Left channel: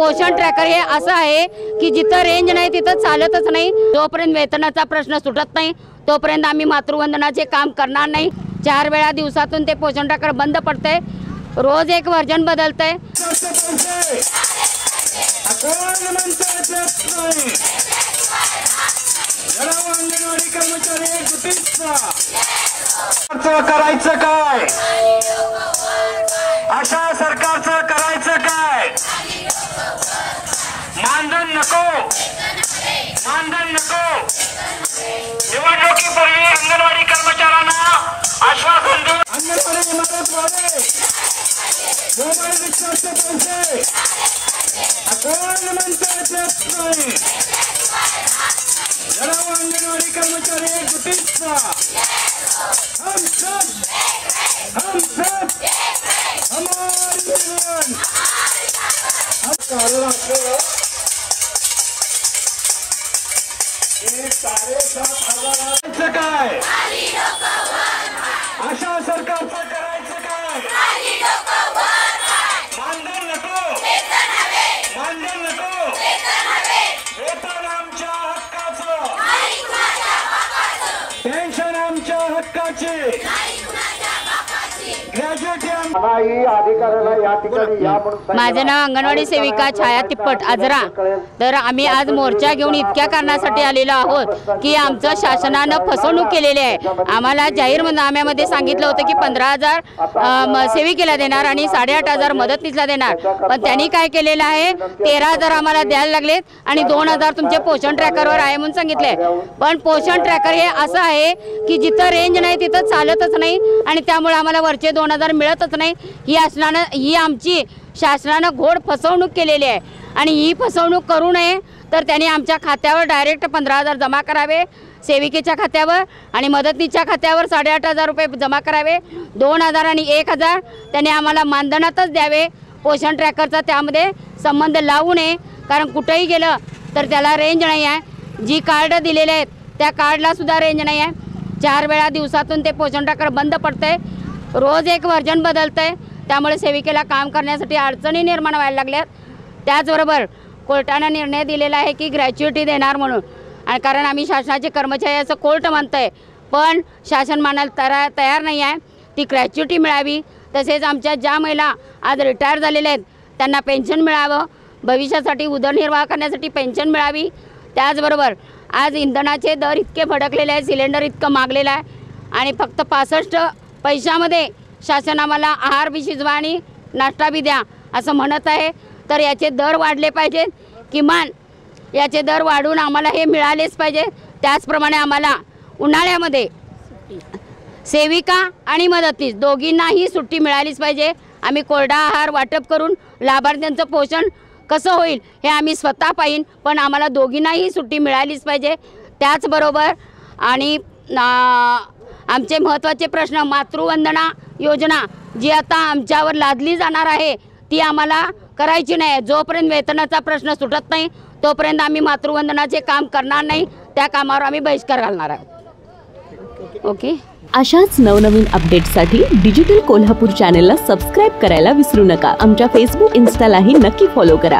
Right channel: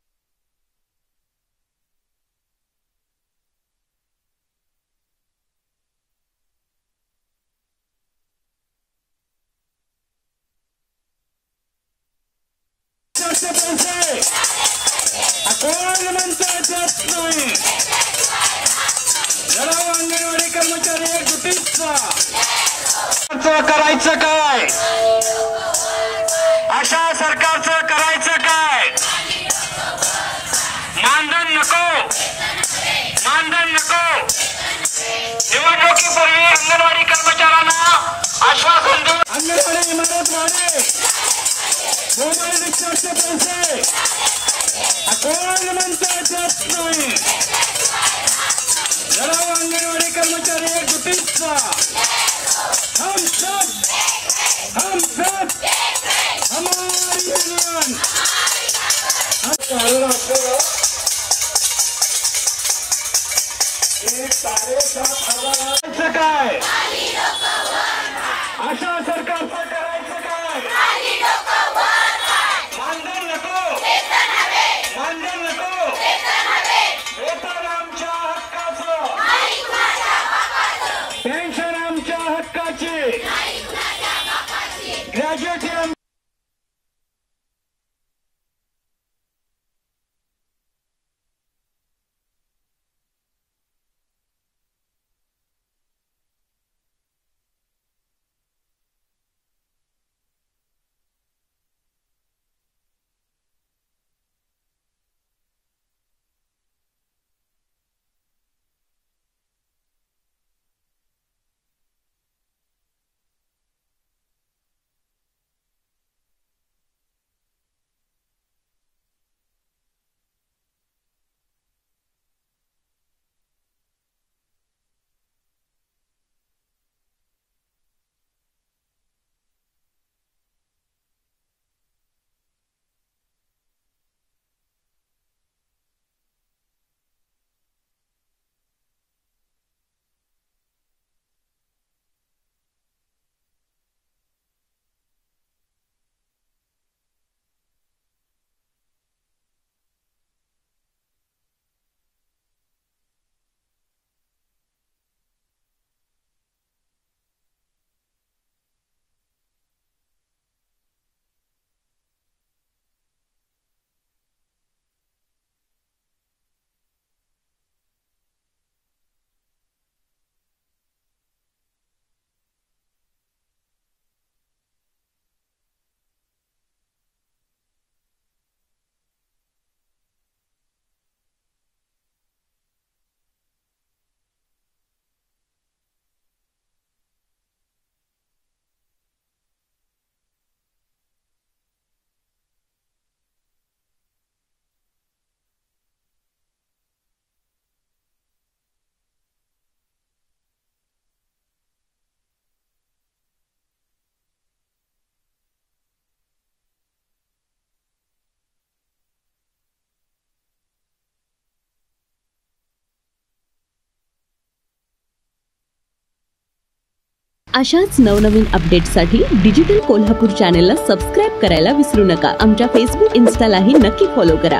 पोषण ट्रॅकर हे असं आहे की जिथं रेंज नाही तिथं चालतच नाही। जोपर्यंत वेतनाचा प्रश्न सुटत नाही तोपर्यंत आम्ही मातृवंदनाचे काम करणार नाही। 4 वेळा दिवसातून ते पोषण ट्रॅकर बंद पडते, रोज एक वर्जन बदलते। करायचं काय, अशा सरकारचं करायचं काय? मानधन नको, मानधन नको। निवडणुकीपूर्वी अंगणवाडी कर्मचाऱ्यांना आश्वासन देऊन अंगणवाडी मदत वाढे, मोबाईल रिक्षाचे पैसे कोण म्हणतात नाही। अंगणवाडी कर्मचारी एकजुटीचा हम सब हमारी जान। काय अशा सरकारचं करायचं काय? मानधन नको, मानधन नको। वेतन आमच्या हक्काचं, पेन्शन आमच्या हक्काची, ग्रॅज्युएट माझं नाव अंगणवाडी सेविका छाया तिप्पट आजरा। तर आम्ही आज मोर्चा घेऊन इतक्या कारणासाठी आलेलो आहोत की आमचं शासनानं फसवणूक केलेली आहे। आम्हाला जाहीरनाम्यामध्ये सांगितलं होतं की 15,000 सेविकेला देणार आणि 8,500 मदतनीसला देणार, पण त्यांनी काय केलेलं आहे 13,000 आम्हाला द्यायला लागलेत आणि 2,000 तुमचे पोषण ट्रॅकरवर आहे म्हणून सांगितले। पण पोषण ट्रॅकर हे असं आहे की जिथं रेंज नाही तिथं चालतच नाही आणि त्यामुळे आम्हाला वरचे 2,000 मिळतच नाही। ही आमची शासनानं घोड फसवणूक केलेली आहे आणि ही फसवणूक करू नये तर त्यांनी आमच्या खात्यावर डायरेक्ट 15,000 जमा करावे, सेविकेच्या खात्यावर आणि मदतनीच्या खात्यावर 8,500 रुपये जमा करावे। 2,000 आणि 1,000 त्यांनी आम्हाला मानधनातच द्यावे। पोषण ट्रॅकरचा त्यामध्ये संबंध लावू नये, कारण कुठेही गेलं तर त्याला रेंज नाही आहे। जी कार्ड दिलेले आहेत त्या कार्डला सुद्धा रेंज नाही आहे। 4 वेळा दिवसातून ते पोषण ट्रॅकर बंद पडते, रोज एक वर्जन बदलते, त्यामुळे सेविकेला काम करण्यासाठी अडचणी निर्माण व्हायला लागल्यात। त्याचबरोबर कोर्टाने निर्णय दिलेला आहे की ग्रॅच्युइटी देणार म्हणून, आणि कारण आम्ही शासनाचे कर्मचारी असं कोर्ट म्हणतंय, पण शासन मानायला तयार नाही आहे। ती ग्रॅच्युइटी मिळावी, तसेच आमच्या ज्या महिला आज रिटायर झालेल्या आहेत त्यांना पेन्शन मिळावं, भविष्यासाठी उदरनिर्वाह करण्यासाठी पेन्शन मिळावी। त्याचबरोबर आज इंधनाचे दर इतके भडकलेले आहेत, सिलेंडर इतकं मागलेलं आहे आणि फक्त 65 पैशामध्ये शासन आम्हाला आहार बी शिजवा आणि नाश्ता बी द्या असं म्हणत आहे। तर याचे दर वाढले पाहिजेत, किमान याचे दर वाढून आम्हाला हे मिळालेच पाहिजे। त्याचप्रमाणे आम्हाला उन्हाळ्यामध्ये सेविका आणि मदतनीस दोघींनाही सुट्टी मिळालीच पाहिजे। आम्ही कोरडा आहार वाटप करून लाभार्थ्यांचं पोषण कसं होईल हे आम्ही स्वतः पाहीन, पण आम्हाला दोघींनाही सुट्टी मिळालीच पाहिजे। त्याचबरोबर आणि आमचे महत्त्वाचे प्रश्न, मातृवंदना योजना जी आता आमच्यावर लादली जाणार आहे ती आम्हाला करायची नाही। जोपर्यंत वेतनाचा प्रश्न सुटत नाही तोपर्यंत आम्ही मातृवंदनाचे काम करणार नाही, त्या कामावर आम्ही बहिष्कार घालणार आहोत। ओके। अशाच नवनवीन अपडेट्ससाठी डिजिटल कोल्हापूर चॅनेलला सबस्क्राईब करायला विसरू नका। आमच्या फेसबुक, इन्स्टालाही नक्की फॉलो करा।